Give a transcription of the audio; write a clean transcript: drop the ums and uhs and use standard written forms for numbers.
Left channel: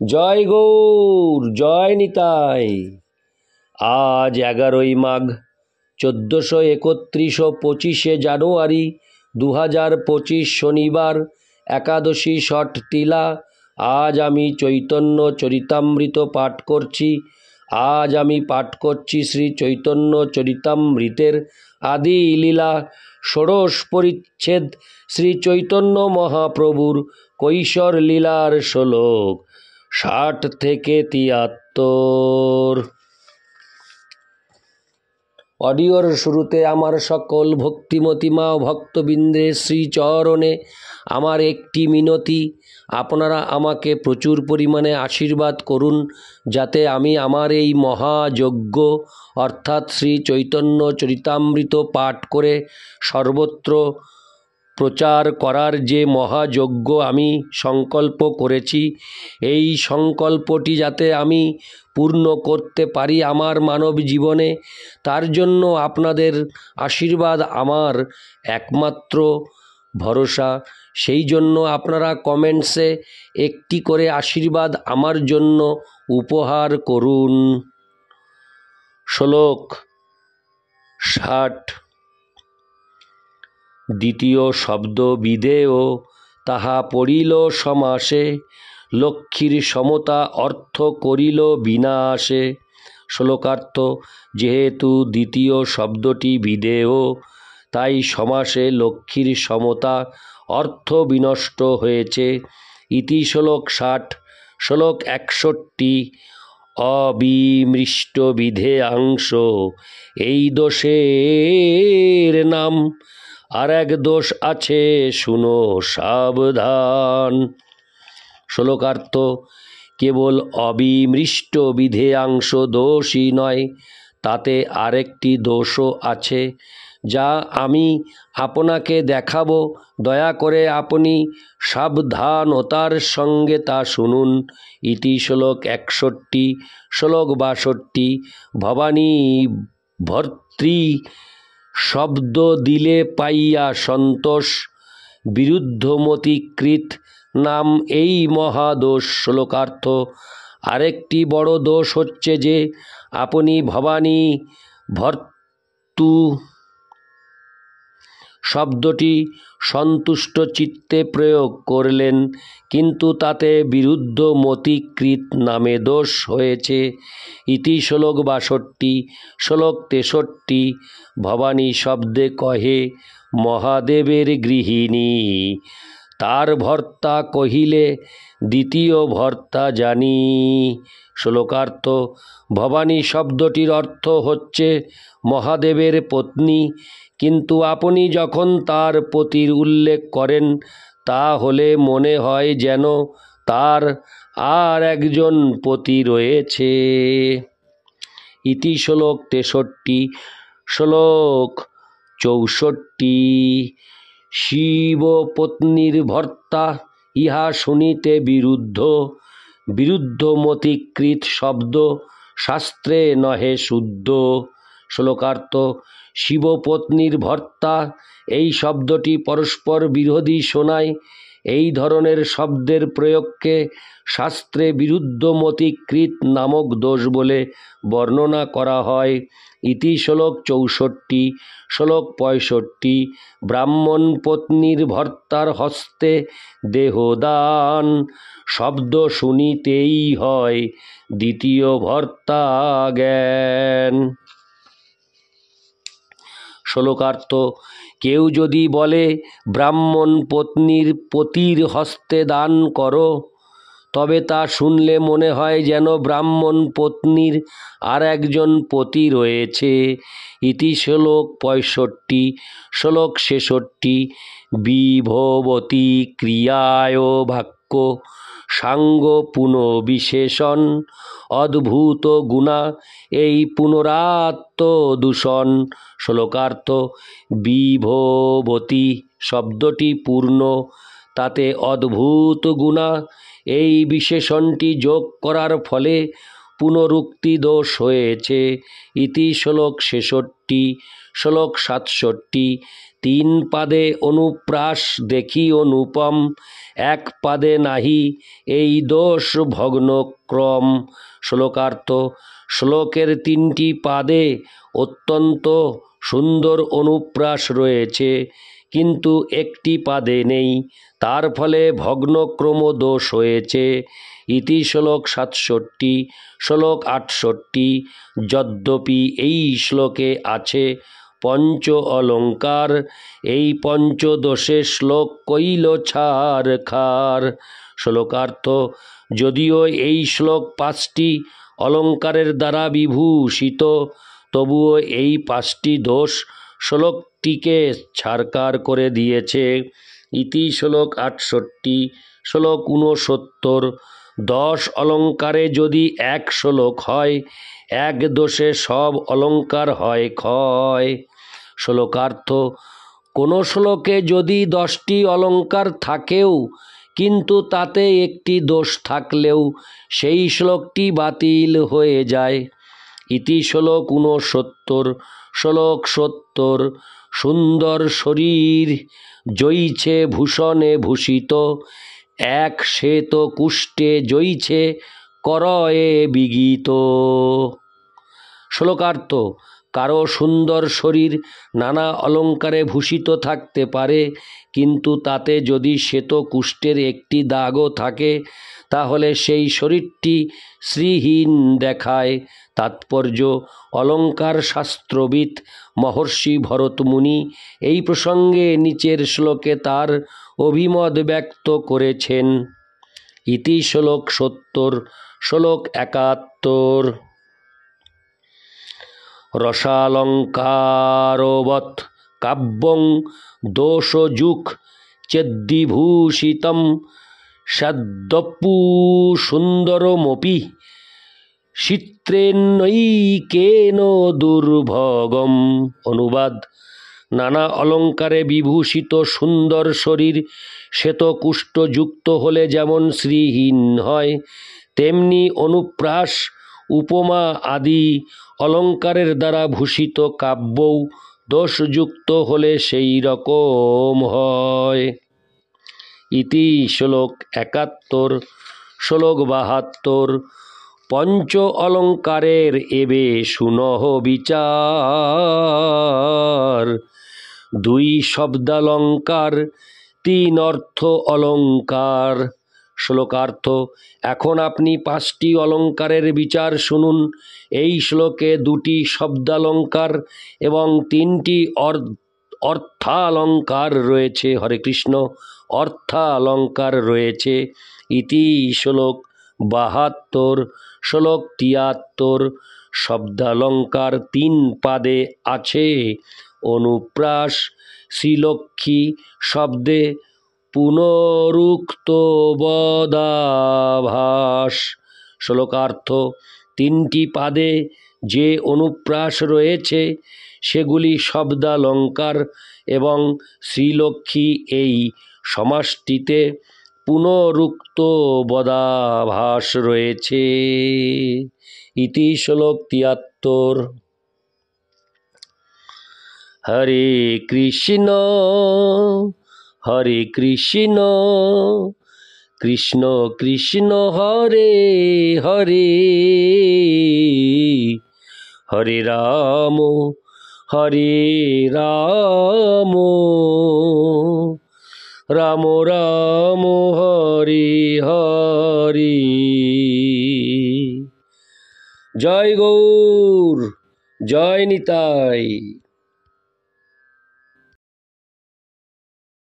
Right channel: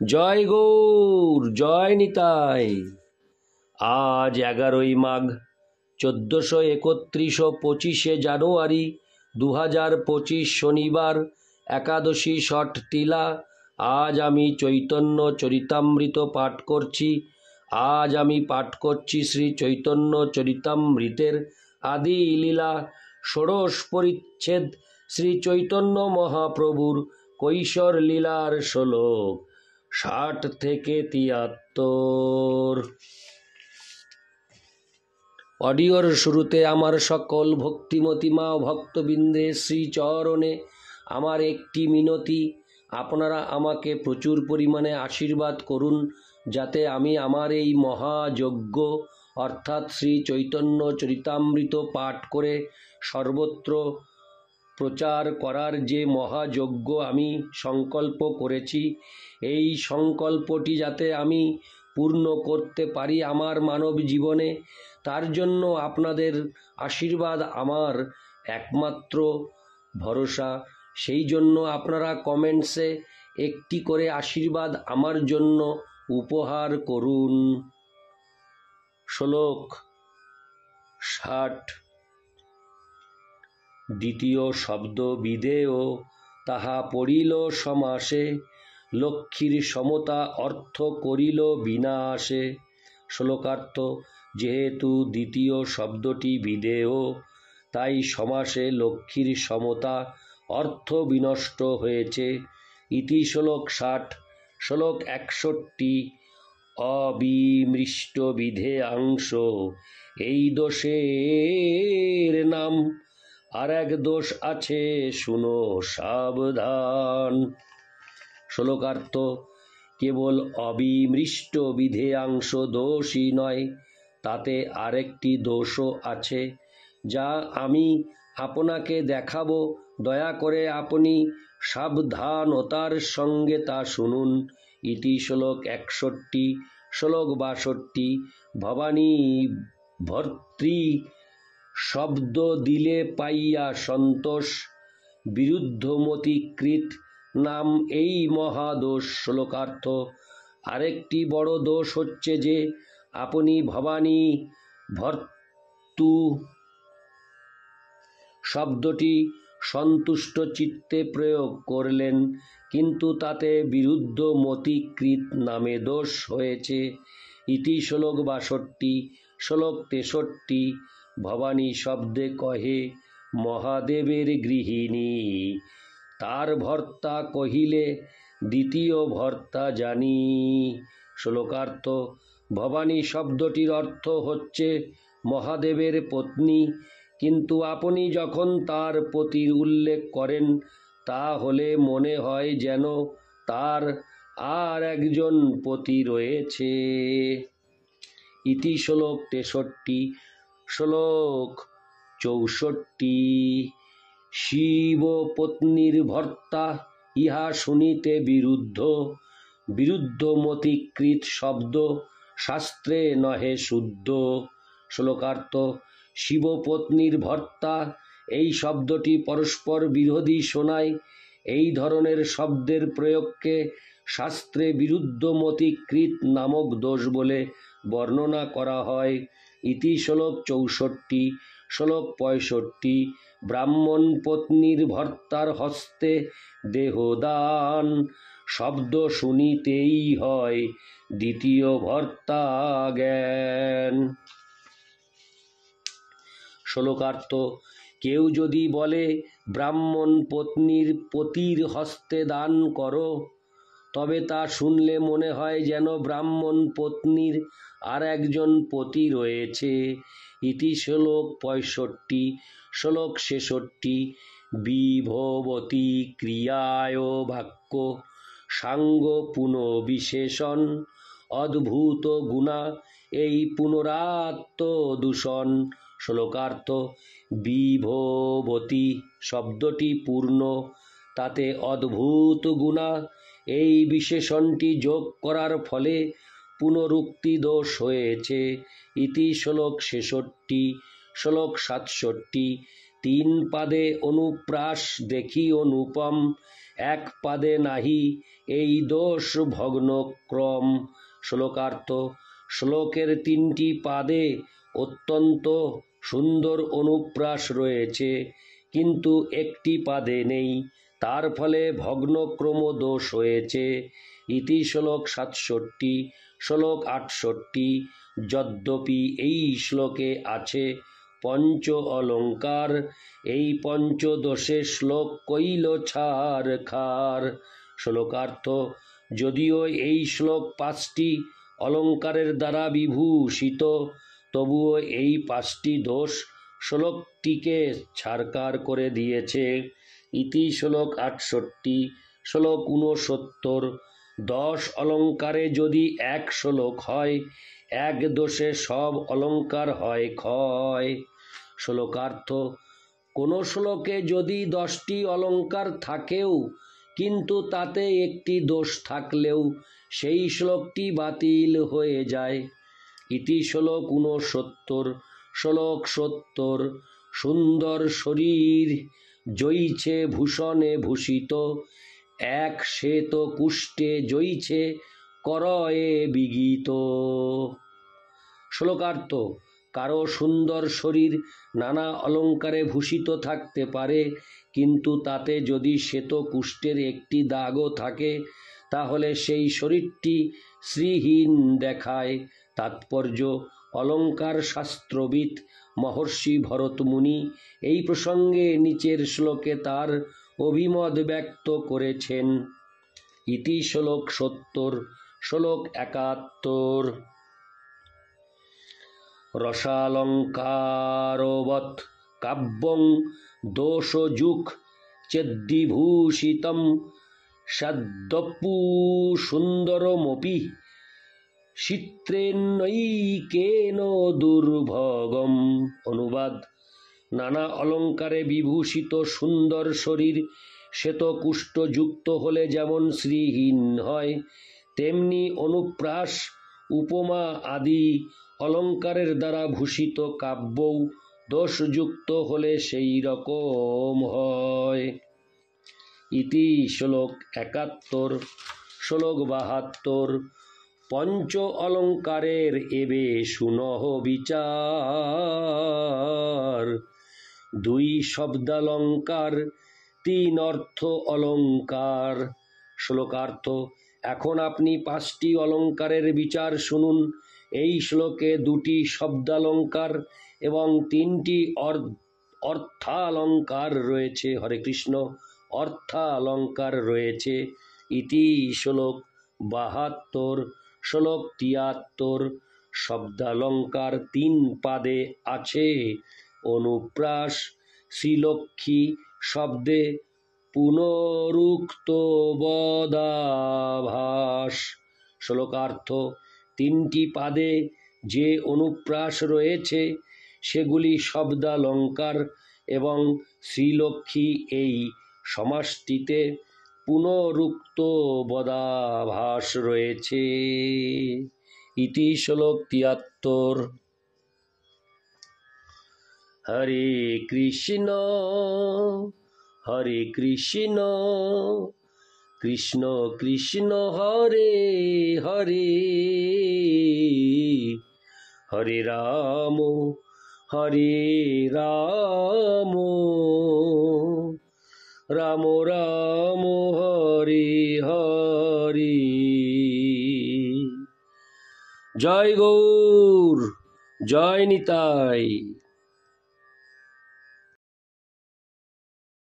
জয় গৌর, জয় নিতাই। আজ 11ই মাঘ 1431 ও 25শে জানুয়ারি 2025 শনিবার, একাদশী ষট তিলা। আজ আমি চৈতন্য চরিতামৃত পাঠ করছি। আজ আমি পাঠ করছি শ্রী চৈতন্য চরিতামৃতের আদি লীলা ষোড়শ পরিচ্ছেদ, শ্রী চৈতন্য মহাপ্রভুর কৈশোর লীলার শ্লোক 60 থেকে 73। অডিওর শুরুতে আমার সকল ভক্তিমতী মা ও ভক্তবৃন্দের শ্রীচরণে আমার একটি মিনতি, আপনারা আমাকে প্রচুর পরিমাণে আশীর্বাদ করুন, যাতে আমি আমার এই মহাযজ্ঞ অর্থাৎ শ্রী চৈতন্য চরিতামৃত পাঠ করে সর্বত্র প্রচার করার যে মহাযজ্ঞ আমি সংকল্প করেছি, এই সংকল্পটি যাতে আমি পূর্ণ করতে পারি আমার মানব জীবনে, তার জন্য আপনাদের আশীর্বাদ আমার একমাত্র ভরসা। সেই জন্য আপনারা কমেন্টসে একটি করে আশীর্বাদ আমার জন্য উপহার করুন। শ্লোক 60। দ্বিতীয় শব্দ বিধেয়, তাহা পড়িল সমাসে, লক্ষ্মীর সমতা অর্থ করিল বিনাশে। শ্লোকার্থ: যেহেতু দ্বিতীয় শব্দটি বিধেয়, তাই সমাসে লক্ষ্মীর সমতা অর্থ বিনষ্ট হয়েছে। ইতি শ্লোক 60। শ্লোক 61। অবিমৃষ্ট বিধেয়াংশ, এই দোষের নাম। আর এক দোষ আছে, শুনো সাবধান। শ্লোকার্থ: কেবল অবিমৃষ্ট বিধেয়াংশ দোষই নয়, তাতে আরেকটি দোষও আছে, যা আমি আপনাকে দেখাবো। দয়া করে আপনি সাবধানতার সঙ্গে তা শুনুন। ইতি শ্লোক 61। শ্লোক 62। ভবানী ভর্তৃ শব্দ দিলে পাইয়া সন্তোষ, বিরুদ্ধমতিকৃত নাম এই মহাদোষ। শ্লোকার্থ: আরেকটি বড় দোষ হচ্ছে যে আপনি ভবানী ভর্তু শব্দটি সন্তুষ্ট চিত্তে প্রয়োগ করলেন, কিন্তু তাতে বিরুদ্ধ মতিকৃত নামে দোষ হয়েছে। ইতি শ্লোক 62। শ্লোক 63। ভবানী শব্দে কহে মহাদেবের গৃহিণী, তার ভর্তা কহিলে দ্বিতীয় ভর্তা জানি। শ্লোকার্থ: ভবানী শব্দটির অর্থ হচ্ছে মহাদেবের পত্নী, কিন্তু আপনি যখন তার পতির উল্লেখ করেন, তাহলে মনে হয় যেন তার আর একজন পতি রয়েছে। ইতি শ্লোক 63। শ্লোক 64। শিব পত্নীর ভর্তা, ইহা শুনিতে বিরুদ্ধ, বিরুদ্ধমতিকৃত শব্দ, শাস্ত্রে নহে শুদ্ধ। শ্লোকার্থ: শিবপত্নীর ভর্তা এই শব্দটি পরস্পর বিরোধী শোনায়। এই ধরনের শব্দের প্রয়োগকে শাস্ত্রে বিরুদ্ধমতিকৃত নামক দোষ বলে বর্ণনা করা হয়। ইতি শ্লোক 64। শ্লোক 65। ব্রাহ্মণ পত্নীর ভর্তার হস্তে দেহদান, শব্দ শুনিতেই হয় দ্বিতীয় ভর্তা জ্ঞান। শ্লোকার্থ: কেউ যদি বলে ব্রাহ্মণ পত্নীর পতির হস্তে দান করো, তবে তা শুনলে মনে হয় যেন ব্রাহ্মণ পত্নীর আর একজন পতি রয়েছে। ইতি শ্লোক 65। শ্লোক 66। বিভবতী ক্রিয়ায় বাক্য, সাঙ্গ পুনঃবিশেষণ, অদ্ভুত গুণা এই পুনরাত্ম দূষণ। শ্লোকার্থ: বিভবতী শব্দটি পূর্ণ, তাতে অদ্ভুত গুণা এই বিশেষণটি যোগ করার ফলে পুনরুক্তি দোষ হয়েছে। ইতি শ্লোক 66। শ্লোক 67। 3 পাদে অনুপ্রাস দেখি অনুপম, 1 পাদে নাহি এই দোষ ভগ্নক্রম। শ্লোকার্থ: শ্লোকের 3টি পাদে অত্যন্ত সুন্দর অনুপ্রাস রয়েছে, কিন্তু একটি পাদে নেই, তার ফলে ভগ্নক্রম দোষ হয়েছে। ইতি শ্লোক 67। শ্লোক 68। যদ্যপি এই শ্লোকে আছে পঞ্চ অলঙ্কার, এই পঞ্চদোষে শ্লোক কইল ছাড় খার। শ্লোকার্থ: যদিও এই শ্লোক 5টি অলঙ্কারের দ্বারা বিভূষিত, তবুও এই 5টি দোষ শ্লোকটিকে ছাড়কার করে দিয়েছে। ইতি শ্লোক 68। শ্লোক 69। 10 অলঙ্কারে যদি 1 শ্লোক হয়, 1 দোষে সব অলঙ্কার হয় ক্ষয়। শ্লোকার্থ: কোনো শ্লোকে যদি 10টি অলঙ্কার থাকেও, কিন্তু তাতে একটি দোষ থাকলেও সেই শ্লোকটি বাতিল হয়ে যায়। ইতি শ্লোক 69। শ্লোক 70। সুন্দর শরীর জইছে ভূষণে ভূষিত, 1 শ্বেত কুষ্ঠে জইছে করয়ে বিগিত। শ্লোকার্থ: কারো সুন্দর শরীর নানা অলঙ্কারে ভূষিত থাকতে পারে, কিন্তু তাতে যদি শ্বেত কুষ্ঠের একটি দাগও থাকে, তাহলে সেই শরীরটি শ্রীহীন দেখায়। তাৎপর্য: অলঙ্কার শাস্ত্রবিদ মহর্ষি ভরতমুনি এই প্রসঙ্গে নিচের শ্লোকে তার অভিমত ব্যক্ত করেছেন। ইতি শ্লোক 70। শ্লোক 71। রসালঙ্কারবৎ কাব্যং দোষযুক চেদ্বিভূষিতম সদ্যপু সুন্দরমপি চিত্রেন্নৈকেন দুর্ভগম। অনুবাদ: নানা অলঙ্কারে বিভূষিত সুন্দর শরীর শ্বেতকুষ্ঠযুক্ত হলে যেমন শ্রীহীন হয়, তেমনি অনুপ্রাস, উপমা আদি অলঙ্কারের দ্বারা ভূষিত কাব্যও দোষযুক্ত হলে সেই রকম হয়। ইতি শ্লোক 71। শ্লোক 72। পঞ্চ অলঙ্কারের এবে শুনহ বিচার, 2 শব্দালঙ্কার 3 অর্থ অলঙ্কার। শ্লোকার্থ: এখন আপনি 5টি অলঙ্কারের বিচার শুনুন। এই শ্লোকে 2টি শব্দালঙ্কার এবং 3টি অর্থালঙ্কার রয়েছে। হরে কৃষ্ণ। অর্থালঙ্কার রয়েছে। ইতি শ্লোক 72। শ্লোক 73। শব্দালঙ্কার 3 পাদে আছে অনুপ্রাস, শ্রীলক্ষ্মী শব্দে পুনরুক্ত বদাভাস। শ্লোকার্থ: 3টি পাদে যে অনুপ্রাস রয়েছে সেগুলি শব্দালঙ্কার, এবং শ্রীলক্ষ্মী এই সমাসটিতে পুনরুক্ত বদাভাস রয়েছে। ইতি শ্লোক 73। হরে কৃষ্ণ হরে কৃষ্ণ কৃষ্ণ কৃষ্ণ হরে হরে, হরে রাম রাম রাম হরে হরে। জয় গৌর, জয় নিতাই।